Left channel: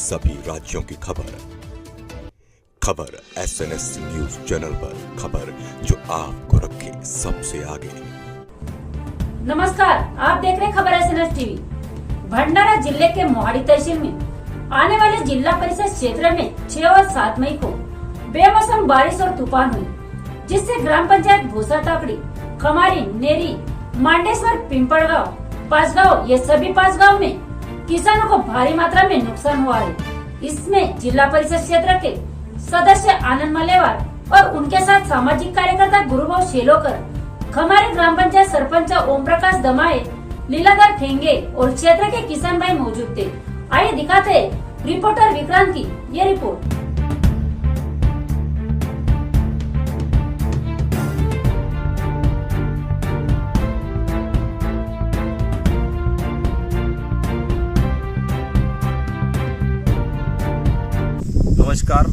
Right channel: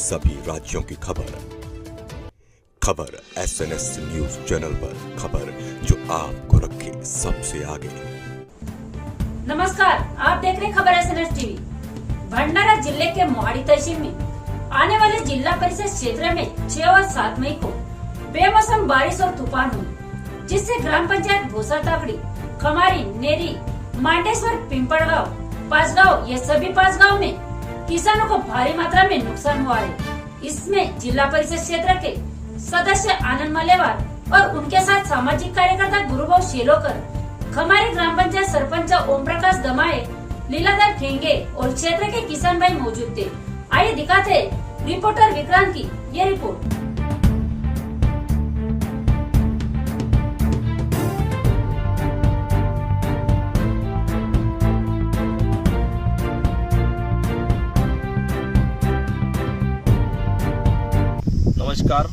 सभी राज्यों की खबर SNS न्यूज चैनल पर, खबर जो आपको रखे सबसे आगे। नमस्कार, आप देख रहे खबर SNS टीवी। भंडारा जिले के मोहाड़ी तहसील में आने वाले जिला परिषद क्षेत्र में 6 और 7 मई को बेमौसम बारिश और तूफान हुई, जिससे ग्राम पंचायत भूसा टाकड़ी, खमारी, नेरी, मांडेश्वर, पिंपड़गांव, पांचगांव, ये सभी 5 गाँव में किसानों को भारी मात्रा में नुकसान हुआ है। इसमें जिला परिषद क्षेत्र के सदस्य आनंद मलेवार और उनके साथ सामाजिक कार्यकर्ता गुरुभाव शेलोकर, खमारी ग्राम पंचायत सरपंच ओम प्रकाश दमाए, लीलाधर ठेंगे और क्षेत्र के किसान भाई मौजूद थे। आइए दिखाते हैं रिपोर्टर विक्रांत की ये रिपोर्ट। नमस्कार,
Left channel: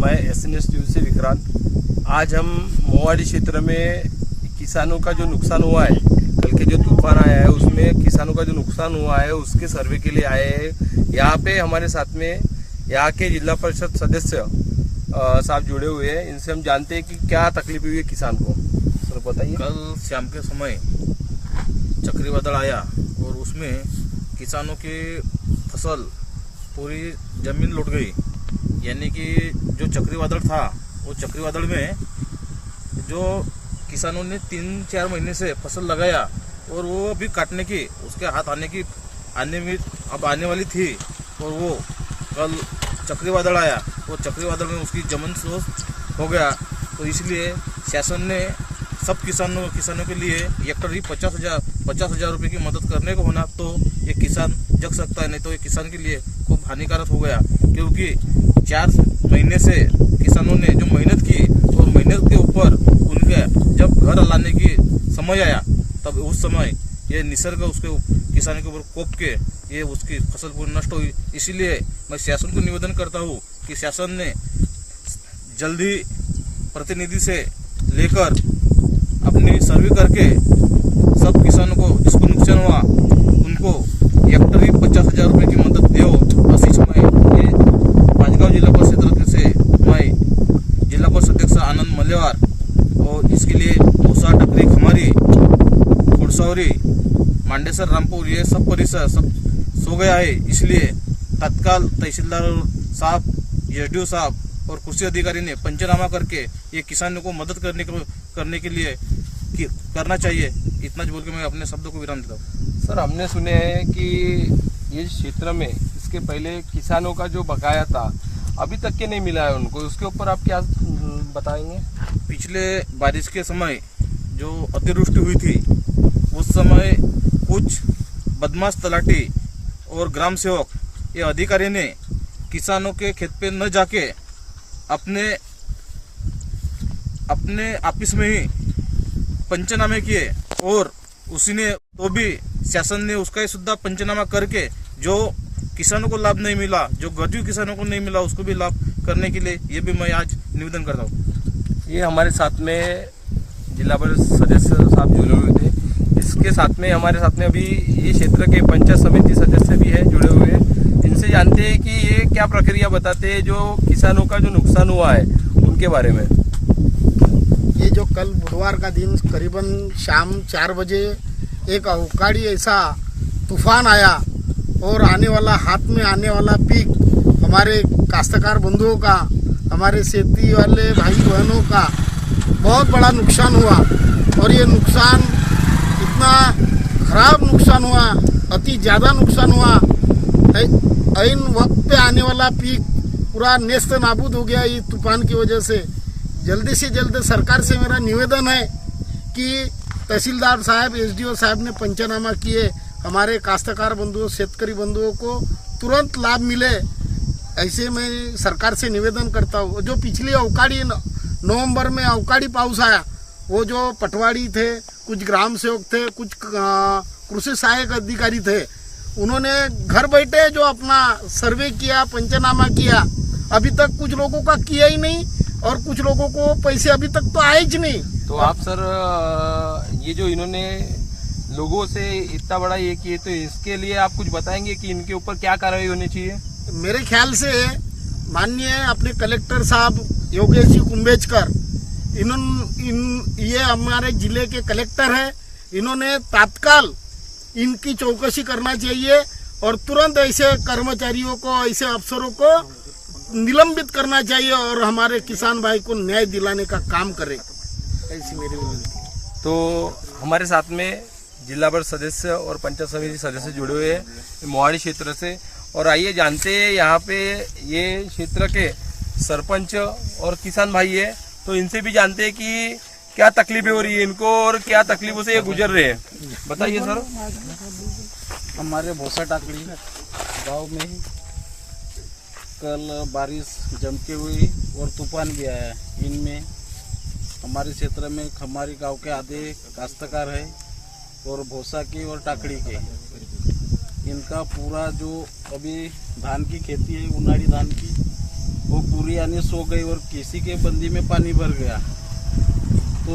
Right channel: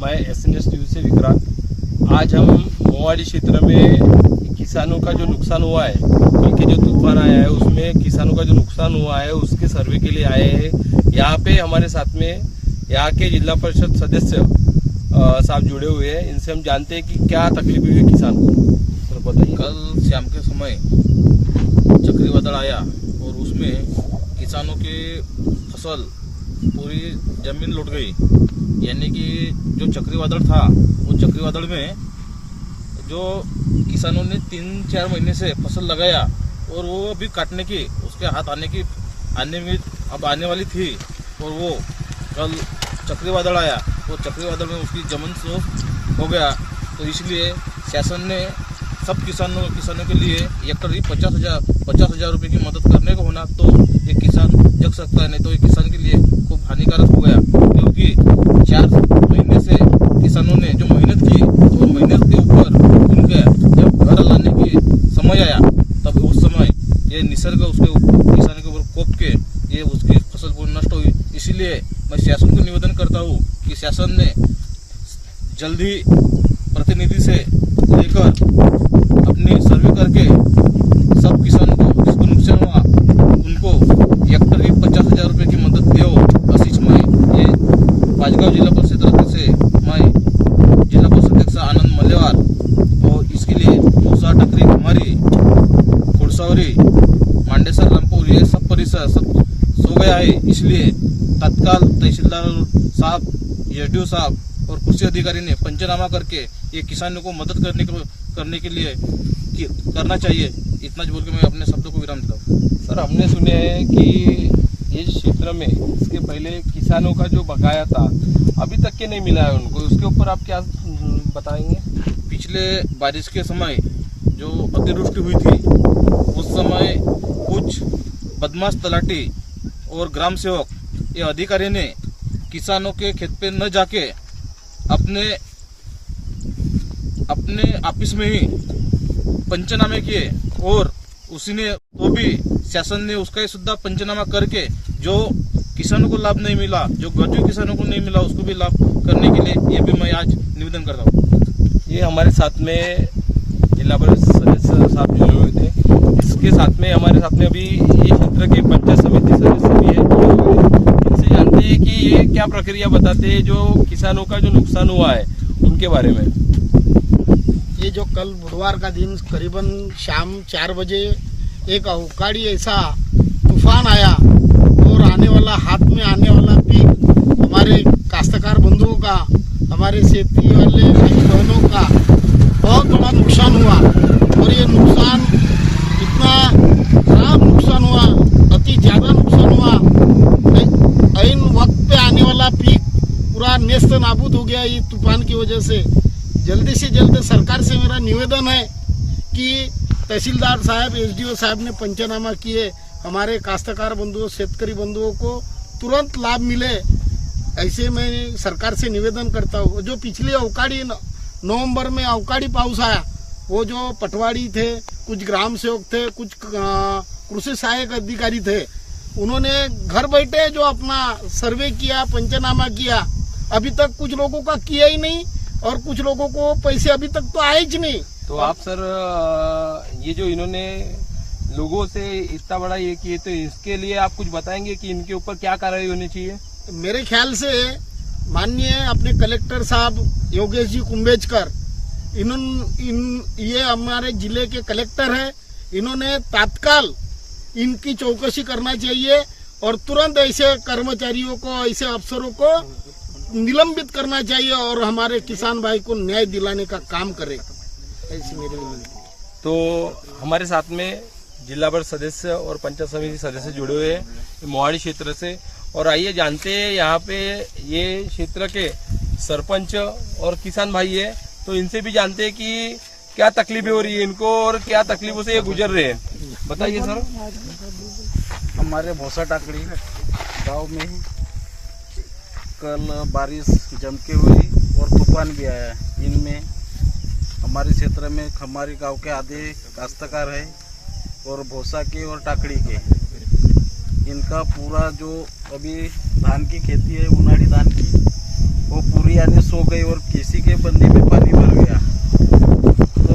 मैं SNS न्यूज से विक्रांत। आज हम मोहाड़ी क्षेत्र में किसानों का जो नुकसान हुआ है, कल के जो तूफान आया है उसमें किसानों का जो नुकसान हुआ है उसके सर्वे के लिए आए हैं। यहाँ पे हमारे साथ में यहाँ के जिला परिषद सदस्य साहब जुड़े हुए हैं। इनसे हम जानते हैं कि क्या तकलीफ हुई है किसान को। सर बताइए। कल शाम के समय चक्रवादल आया और उसमें किसानों की फसल पूरी जमीन लुट गई। यानी कि जो चक्रवादल था, वो चक्रवादल में जो किसानों ने 3-4 महीने से फसल लगाया और वो अभी काटने की, उसके हाथ आने वाली थी, और वो कल चक्रवादल आया और चक्रवादल में उसकी जमीन नष्ट हो गया। तो इसलिए शासन ने सब किसानों के लिए हेक्टर 50,000 रुपये की मदद करने को होना, तो ये किसान जग सकता है, नहीं तो ये किसान के लिए खूब हानिकारक हो गया। क्योंकि 4 महीने से किसानों ने जो मेहनत की और मेहनत के ऊपर उनके जब घर लाने की समय आया, तब उस समय ये निसर्ग उसके किसान के ऊपर कोप के ये उसकी फसल पूरी नष्ट हुई। इसीलिए मैं शासन को निवेदन करता हूँ कि शासन ने जल्दी प्रतिनिधि से लेकर अपनी सर्वे करके सब किसानों को जिसको नुकसान हुआ उनको हेक्टर 50,000 रुपये की मदद दो। आशीष मैं ये पांचगांव जिला परिषद से मैं जिला परिषद अध्यक्ष आनंद मलेवार, और इसके लिए भूसा, टकरी, खमारी, खुड़सौरी, मांडेसर, रामपुर, ये सब परिसर सब सो गया है। इसलिए तत्काल तहसीलदार साहब, SDO साहब और कृषि अधिकारी ने पंचनामा करके ये किसानों को मदद करने के लिए करना चाहिए। इतना बोल के मैं अपने शब्दों को विराम देता हूँ। सर, हमने सुने हैं कि ये क्षेत्र में इसके पहले किसानों का जो बकाया था अभी तक के नहीं मिला है उनको, उसके ऊपर आप क्या बताएंगे? पिछले बारिश के समय जो अतिवृष्टि हुई थी, उस समय कुछ बदमाश तलाटी और ग्राम सेवक, ये अधिकारी ने किसानों के खेत पे न जाके अपने ऑफिस में ही पंचनामे किए, और उसी ने तो भी शासन ने उसका ही सुद्धा पंचनामा करके जो किसानों को लाभ नहीं मिला, जो गरीब किसानों को नहीं मिला, उसको भी लाभ करने के लिए ये भी मैं आज निवेदन करता हूँ। ये हमारे साथ में जिला परिषद सदस्य साहब जुड़े हुए थे। इसके साथ में हमारे साथ में अभी ये क्षेत्र के पंचायत समिति सदस्य भी है जुड़े हुए हैं। इनसे जानते हैं कि ये क्या प्रक्रिया बताते हैं जो किसानों का जो नुकसान हुआ है उनके बारे में। ये जो कल बुधवार का दिन करीबन शाम 4 बजे एक अवकाड़ी ऐसा तूफान आया और हाथ में आने वाला पीक हमारे काश्तकार बंधुओं का, हमारे खेती वाले भाई बहनों का बहुत बड़ा नुकसान हुआ। और ये नुकसान इतना खराब नुकसान हुआ, अति ज़्यादा नुकसान हुआ। ऐन वक्त पे आने वाला पीक पूरा नेस्त नाबूद हो गया ये तूफान की वजह से। जल्दी से जल्द सरकार से मेरा निवेदन है कि तहसीलदार साहब, SDO साहब ने पंचनामा किए, हमारे काश्तकार बंधुओं, शेतकरी बंधुओं को तुरंत लाभ मिले, ऐसे मैं सरकार से निवेदन करता हूँ। जो पिछली अवकाड़ी नवंबर में अवकाड़ी पाउस आया, वो जो पटवारी थे, कुछ ग्राम सेवक थे, कुछ कृषि सहायक अधिकारी थे, उन्होंने घर बैठे जो अपना सर्वे किया, पंचनामा किया, अभी तक कुछ लोगों का किया ही नहीं और कुछ लोगों को पैसे अभी तक तो आए ही नहीं। तो आप सर, ये जो इन्होंने लोगों से इतना बड़ा ये किए, तो इसके लिए आप कुछ बताएंगे कि इनके ऊपर क्या कार्रवाई होनी चाहिए? मेरे ख्याल से माननीय अपने कलेक्टर साहब योगेश जी कुंभेजकर ये हमारे जिले के कलेक्टर हैं, इन्होंने तात्काल इनकी चौकसी करना चाहिए और तुरंत ऐसे कर्मचारियों को, ऐसे अफसरों को निलंबित करना चाहिए और हमारे किसान भाई को न्याय दिलाने का काम करे, ऐसी मेरी विनती है। तो हमारे साथ में जिला परिषद सदस्य और पंचायत समिति सदस्य जुड़े हुए हैं मोहाड़ी क्षेत्र से, और आइए जानते हैं यहाँ पे ये क्षेत्र के सरपंच और किसान भाई है, तो इनसे भी जानते हैं कि क्या तकलीफें हो रही है इनको और क्या तकलीफों से ये गुजर रहे हैं। बताइए सर। हमारे भोसा टाकड़ी गांव में कल बारिश जम के हुई और तूफान भी आया। इनमें हमारे क्षेत्र में खमारी गांव के आधे काश्तकार है और भोसा के और टाकड़ी के, इनका पूरा जो अभी धान की खेती है, उनाड़ी धान की, वो पूरी यानी सो गई और किसी के बंदी में पानी भर गया। तो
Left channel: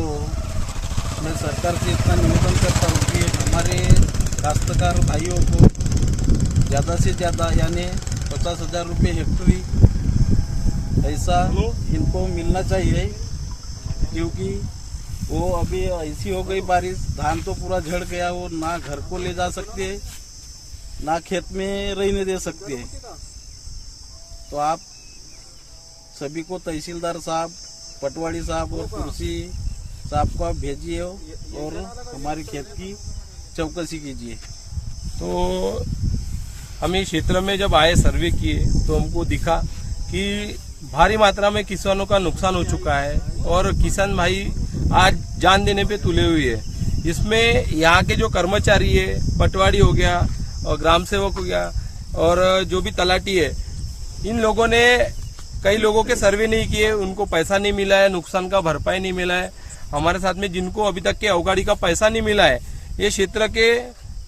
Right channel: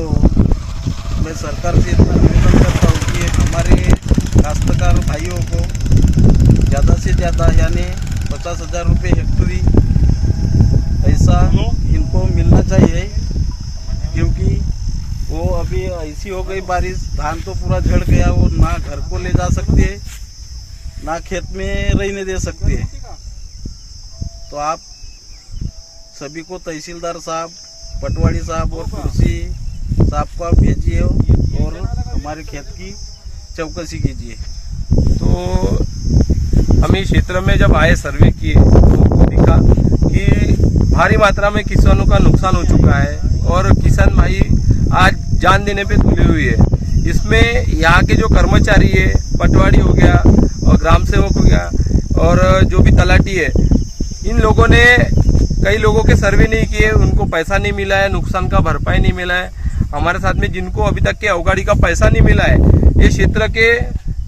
मैं सरकार से इतना निवेदन करता हूँ कि हमारे काश्तकार भाइयों को ज़्यादा से ज़्यादा यानी 50,000 रुपये हेक्टरी ऐसा इनको मिलना चाहिए, क्योंकि वो अभी ऐसी हो गई बारिश, धान तो पूरा झड़ गया, वो ना घर को ले जा सकते हैं ना खेत में रहने दे सकते हैं। तो आप सभी को तहसीलदार साहब, पटवाड़ी साहब और कुर्सी साहब को आप भेजिए और हमारे खेत की चौकसी कीजिए। तो हम इस क्षेत्र में जब आए सर्वे किए तो उनको दिखा कि भारी मात्रा में किसानों का नुकसान हो चुका है और किसान भाई आज जान देने पे तुले हुए है। इसमें यहाँ के जो कर्मचारी है, पटवारी हो गया और ग्राम सेवक हो गया और जो भी तलाटी है, इन लोगों ने कई लोगों के सर्वे नहीं किए, उनको पैसा नहीं मिला है, नुकसान का भरपाई नहीं मिला है। हमारे साथ में जिनको अभी तक के अवगाड़ी का पैसा नहीं मिला है, ये क्षेत्र के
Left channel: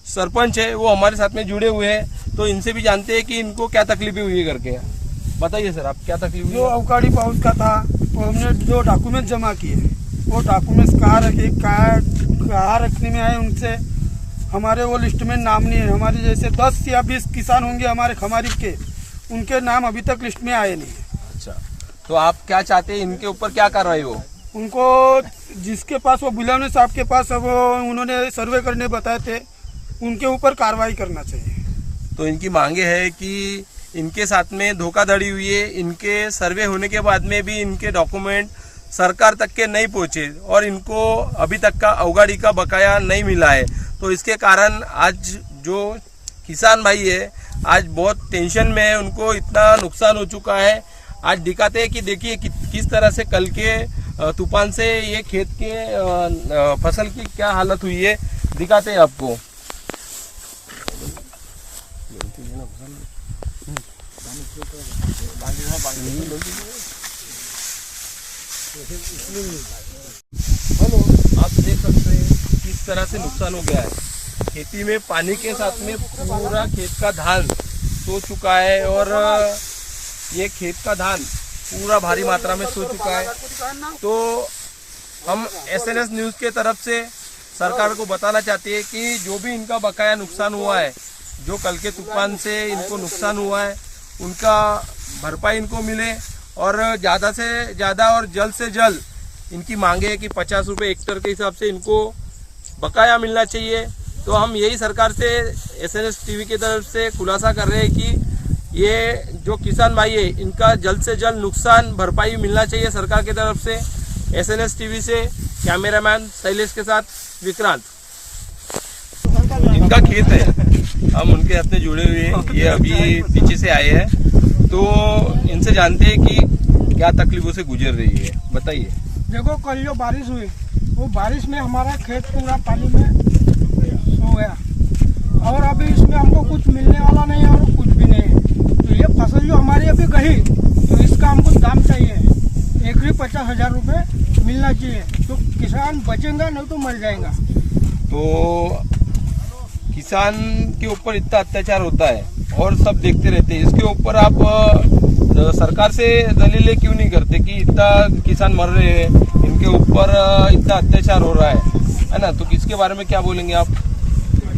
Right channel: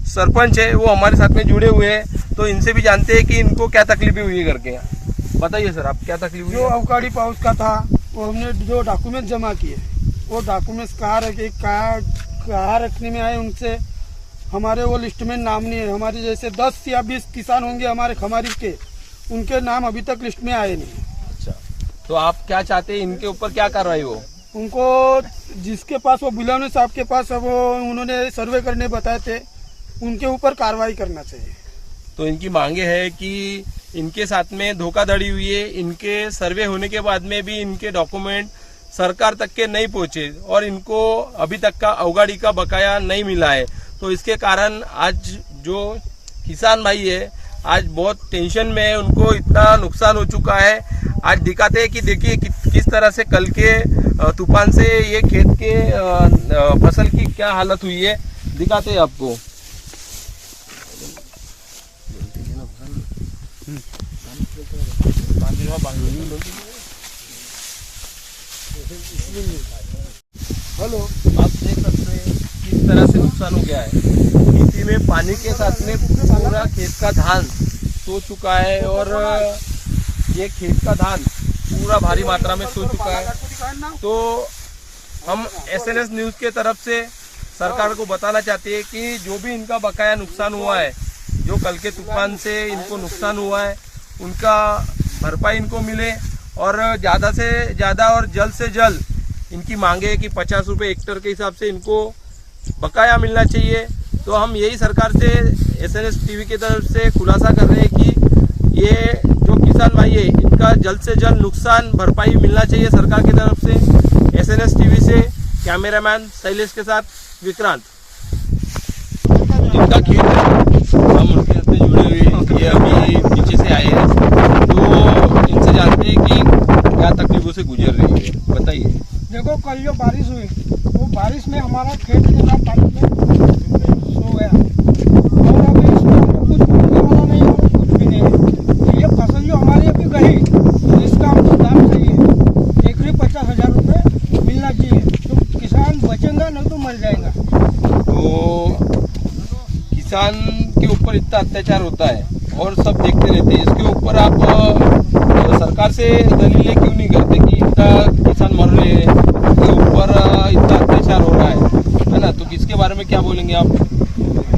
सरपंच है, वो हमारे साथ में जुड़े हुए हैं, तो इनसे भी जानते हैं कि इनको क्या तकलीफें हुई है करके। बताइए सर, आप क्या तकलीफ हुई? जो अवकाड़ी पाउच का था, वो हमने जो डॉक्यूमेंट जमा किए, वो डॉक्यूमेंट्स कहाँ रखने में आए, उनसे हमारे वो लिस्ट में नाम नहीं है। हमारे जैसे 10 या 20 किसान होंगे हमारे खमारी के, उनके नाम अभी तक लिस्ट में आए नहीं। अच्छा, तो आप क्या चाहते हैं, इनके ऊपर क्या कार्रवाई हो? उनको जिसके पास वो बुलाने साहब के पास अब उन्होंने सर्वे करने बताए थे, उनके ऊपर कार्रवाई करना चाहिए। तो इनकी मांगे है कि इनके साथ में धोखाधड़ी हुई है, इनके सर्वे होने के बाद में भी इनके डॉक्यूमेंट सरकार तक के नहीं पहुंचे और इनको अभी तक का अवगाड़ी का बकाया नहीं मिला है। तो इसके कारण आज जो किसान भाई है आज बहुत टेंशन में है, उनको इतना नुकसान हो चुका है। आज दिखाते हैं कि देखिए किस तरह से कल के तूफान से ये खेत के फसल की क्या हालत हुई है, दिखाते हैं आपको। हेलो, आप देख सकते हैं किस तरह से नुकसान हो गया है। खेती में पानी के साथ में पूरा खेत का धान सो चुका है और ये खेत का धान पूरा भारी मात्रा में सो चुका है। तो हम SNS न्यूज के तरफ से सरकार को बताना चाहते हैं कि जो भी इनका बकाया नुकसान हुआ है, जो कल के तूफान से इनको नुकसान हुआ है, उनका भरपाई इनको मिले और ज़्यादा से ज़्यादा और जल्द से जल्द इनकी मांगे है कि 50 रुपये हेक्टर के हिसाब से इनको बकाया मिलना चाहिए। तो हम यही सरकार से SNS टीवी की तरफ से खुलासा कर रहे हैं कि ये जो किसान भाई है, इनका जल्द से जल्द नुकसान भरपाई मिलना चाहिए सरकार की तरफ से। SNS टीवी से कैमरामैन शैलेश के साथ विक्रांत। इनका खेत है, हम उनके साथ में जुड़े हुए हैं, ये अभी पीछे से आए हैं, तो इनसे जानते हैं कि क्या तकलीफों से गुजर रही है। बताइए। देखो, कल जो बारिश हुई, वो बारिश में हमारा खेत पूरा पानी में सो गया और अभी इसमें हमको कुछ मिलने वाला नहीं है और कुछ भी नहीं है। तो ये फसल जो हमारी अभी गई, तो इसका हमको दाम चाहिए। एकरी 50,000 रुपये मिलना चाहिए, तो किसान बचेगा, नहीं तो मर जाएगा। तो किसान के ऊपर इतना अत्याचार होता है और सब देखते रहते हैं, इसके ऊपर आप सरकार से दलीलें क्यों नहीं करते कि इतना किसान मर रहे हैं, उनके ऊपर इतना अत्याचार हो रहा है ना? तो किसके बारे में क्या बोलेंगे आप?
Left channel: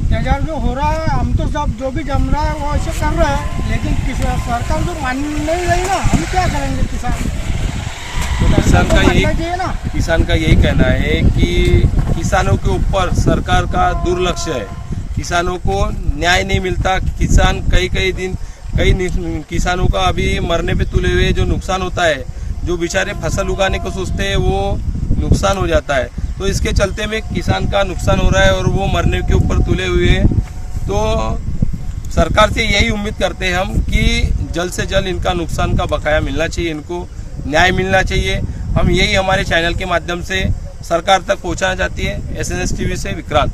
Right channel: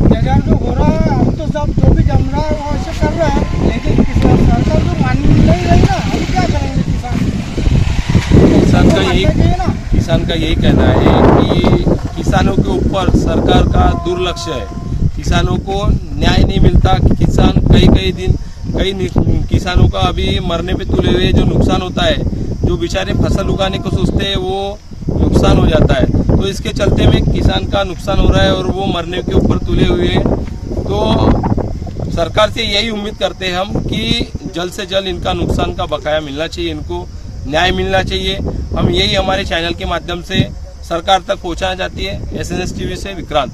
जजाल जो हो रहा है, हम तो सब जो भी जम रहा है वो ऐसे कर रहे हैं, लेकिन सरकार जो मान नहीं रही ना, हम क्या करेंगे? किसान का यही कहना है कि किसानों के ऊपर सरकार का दुर्लक्ष्य है। किसानों को न्याय नहीं मिलता। किसान कई किसानों का अभी मरने पे तुले हुए, जो नुकसान होता है, जो बेचारे फसल उगाने को सोचते हैं वो नुकसान हो जाता है। तो इसके चलते में किसान का नुकसान हो रहा है और वो मरने के ऊपर तुले हुए हैं। तो सरकार से यही उम्मीद करते हैं हम कि जल्द से जल्द इनका नुकसान का बकाया मिलना चाहिए, इनको न्याय मिलना चाहिए। हम यही हमारे चैनल के माध्यम से सरकार तक पहुंचाना चाहती है। SNS टीवी से विक्रांत।